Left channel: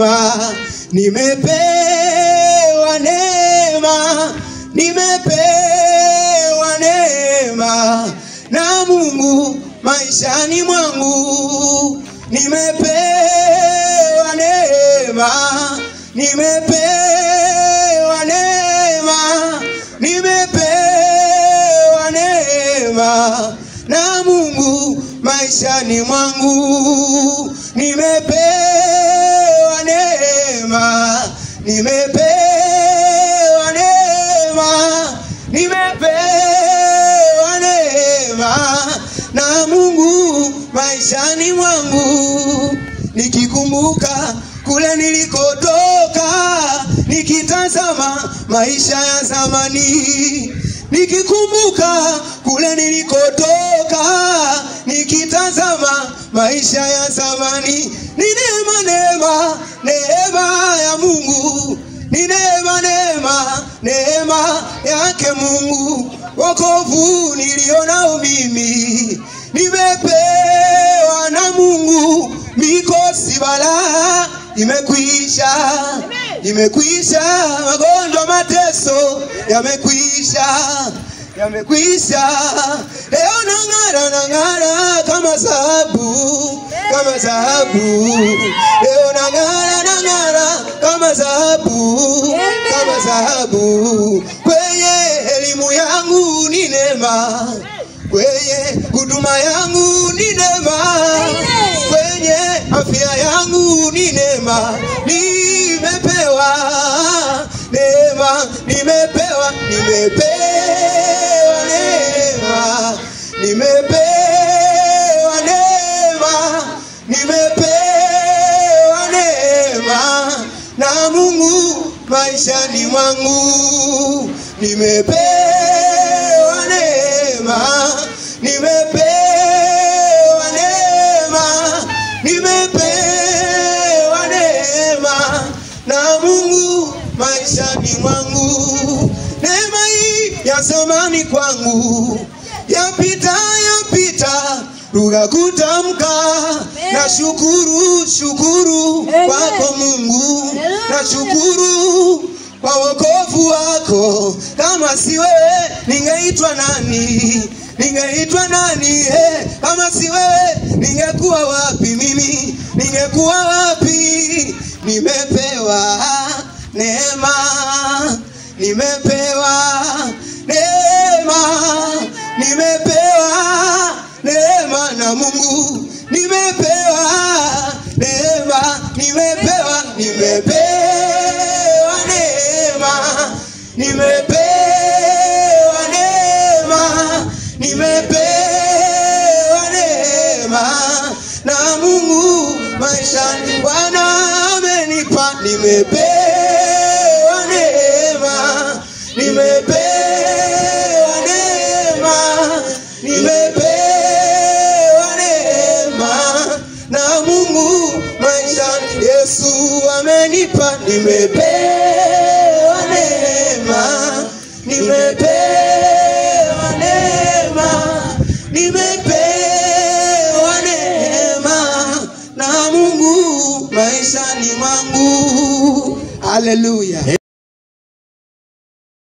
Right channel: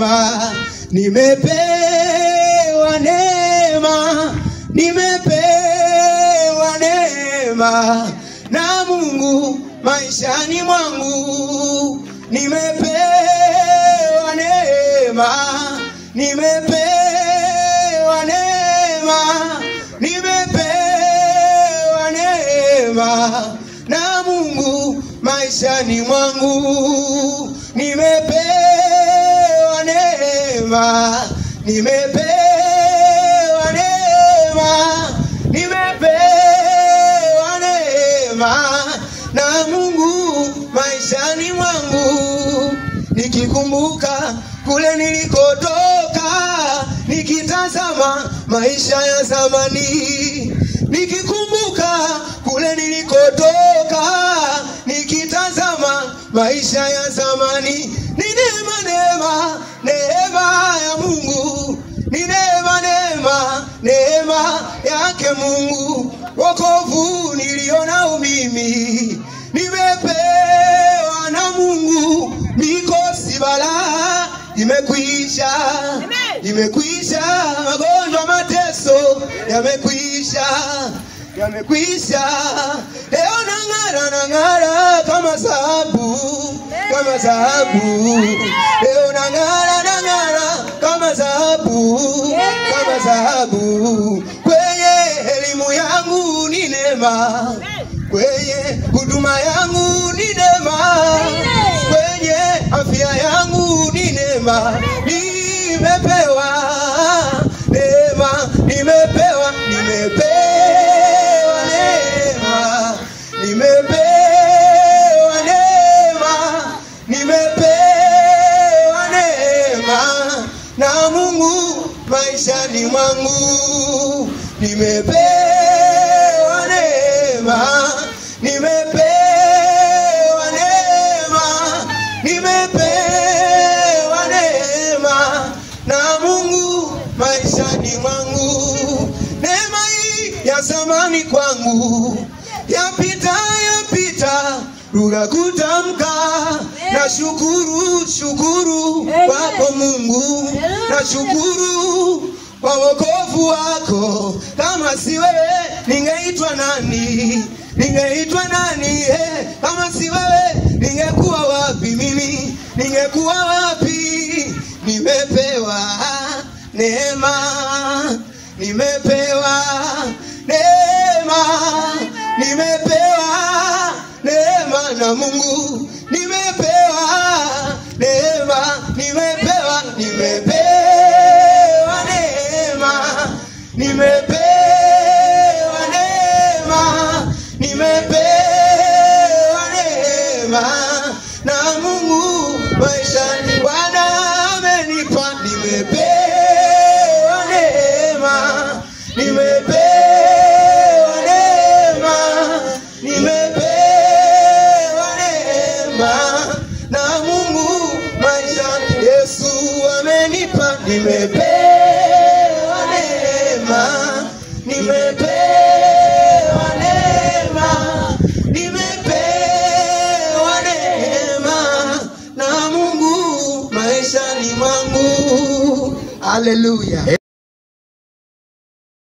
neema, nimepewa neema, nimepewa neema na Mungu maishani mwangu. Nimepewa neema, nimepewa neema, nimepewa neema na Mungu maishani mwangu. Nimepewa neema, nimepewa neema, nimepewa neema na Mungu maishani mwangu. Nikikumbuka kule nilikotoka, nikitazama maisha ya zamani. Nikikumbuka kule nilikotoka, nikitazama maisha ya zamani. Ni neema, neema, neema ya Mungu. Ni neema, neema, neema yake Mungu. Wokovu nilionao mimi, nimepewa na Mungu. Mikosi balaa imekwisha, imekwisha. Magonjwa mateso yamekwisha, yamekwisha. Leo nang'ara, nang'ara kama dhahabu, kama dhahabu. Leo nang'ara, nang'ara kama dhahabu, kama dhahabu. Kwenye elimu yangu ni neema, kwenye huduma yangu ni neema, kwenye afya yangu ni neema. Nimepewa neema, nimepewa, nimepewa neema, nimepewa neema, nimepewa neema na Mungu maishani mwangu. Nimepewa neema, nimepewa neema, nimepewa neema na Mungu maishani mwangu. Neema hii ya zamani kwangu yapita, yapita, lugha kutamka. Na shukuru, shukuru kwako Mungu, na shukuru kwa wokovu wako. Kama si wewe ningeitwa nani? Ningeitwa nani? Kama si wewe ningekuwa wapi mimi? Ningekuwa wapi? Nimepewa neema, nimepewa neema, nimepewa neema na Mungu. Nimepewa neema, nimepewa, nimepewa neema, nimepewa neema, nimepewa neema na Mungu maishani. Bwana amenipa, nimepewa neema, nimepewa neema, nimepewa neema na Mungu maishani. Yesu amenipa, nimepewa neema, nimepewa neema, nimepewa neema na Mungu maishani mwangu. Hallelujah.